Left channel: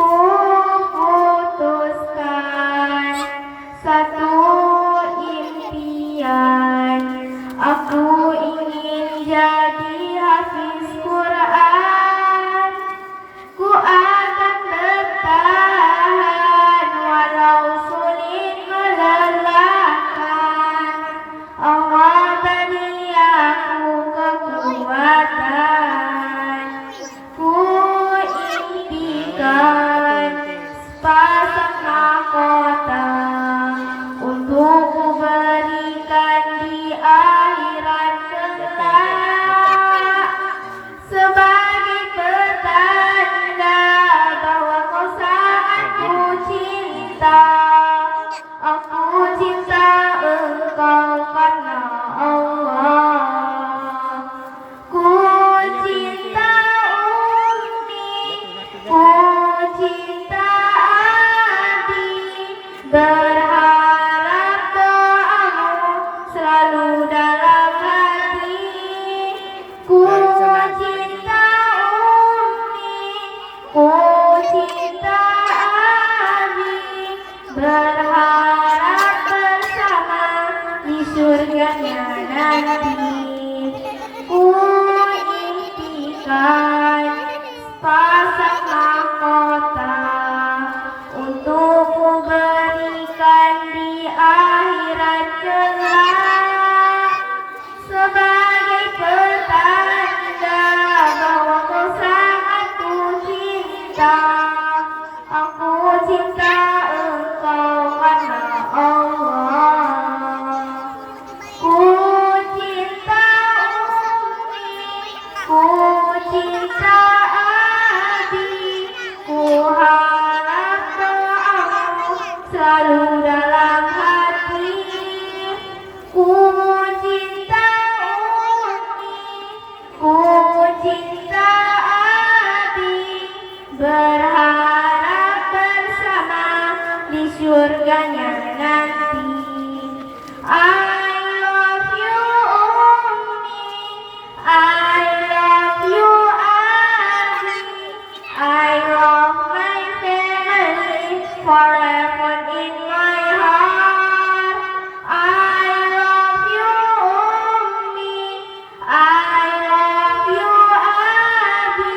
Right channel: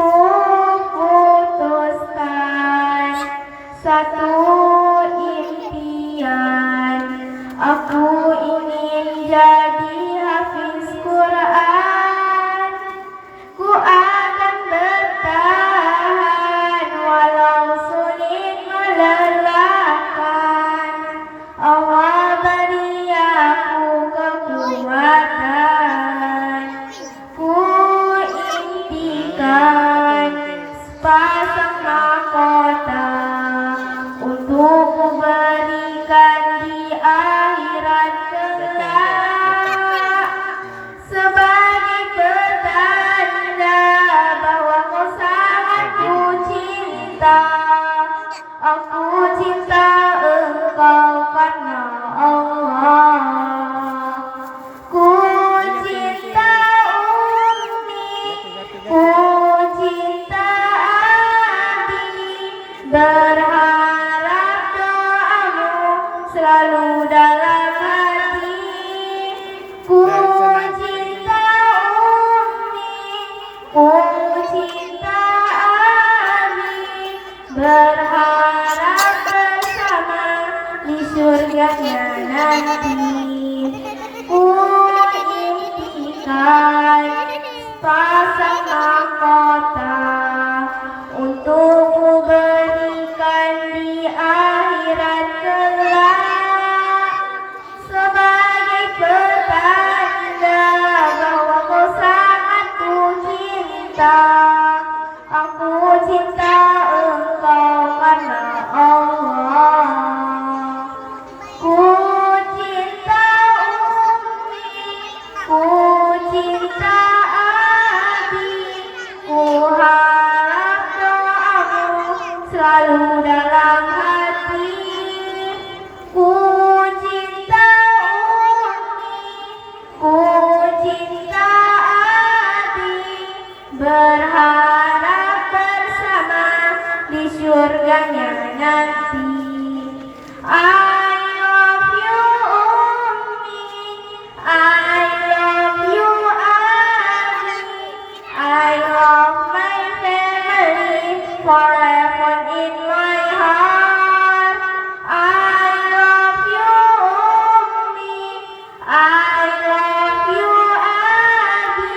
Kuputuskan satu impian, aku ingin jadi hafiz Quran. Ku akan bertahan walau sulit melelahkan. Allah beri aku kekuatan. Ku impikan sepasang mahkota untuk ku berikan di akhirat kelak, sebagai pertanda bahwa kau sangat ku cinta. Aku cinta engkau karena Allah. Ku cinta Umi, ku cinta Abi, berharap doamu selalu dalam hati. Ku cinta Umi, ku cinta Abi, berharap bersama di surganya nanti. Ku impikan sepasang mahkota untuk ku berikan di akhirat kelak, sebagai pertanda bahwa kau sangat ku cinta. Aku cinta engkau karena Allah. Ku cinta Umi, ku cinta Abi, ku harap doamu selalu dalam hati. Ku cinta Umi, ku cinta Abi, berharap bersama di surganya nanti. I love you Umi, I love you Abi, I love my family forever in my heart. I love you Umi, I love you Abi,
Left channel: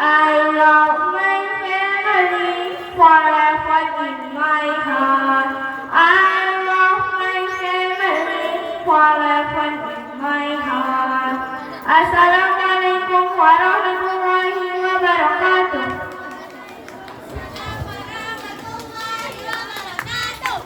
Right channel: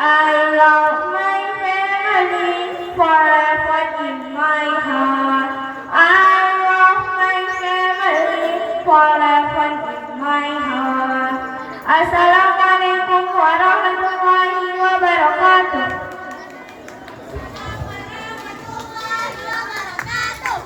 I love my family forever in my heart. I love my family forever in my heart. Assalamualaikum.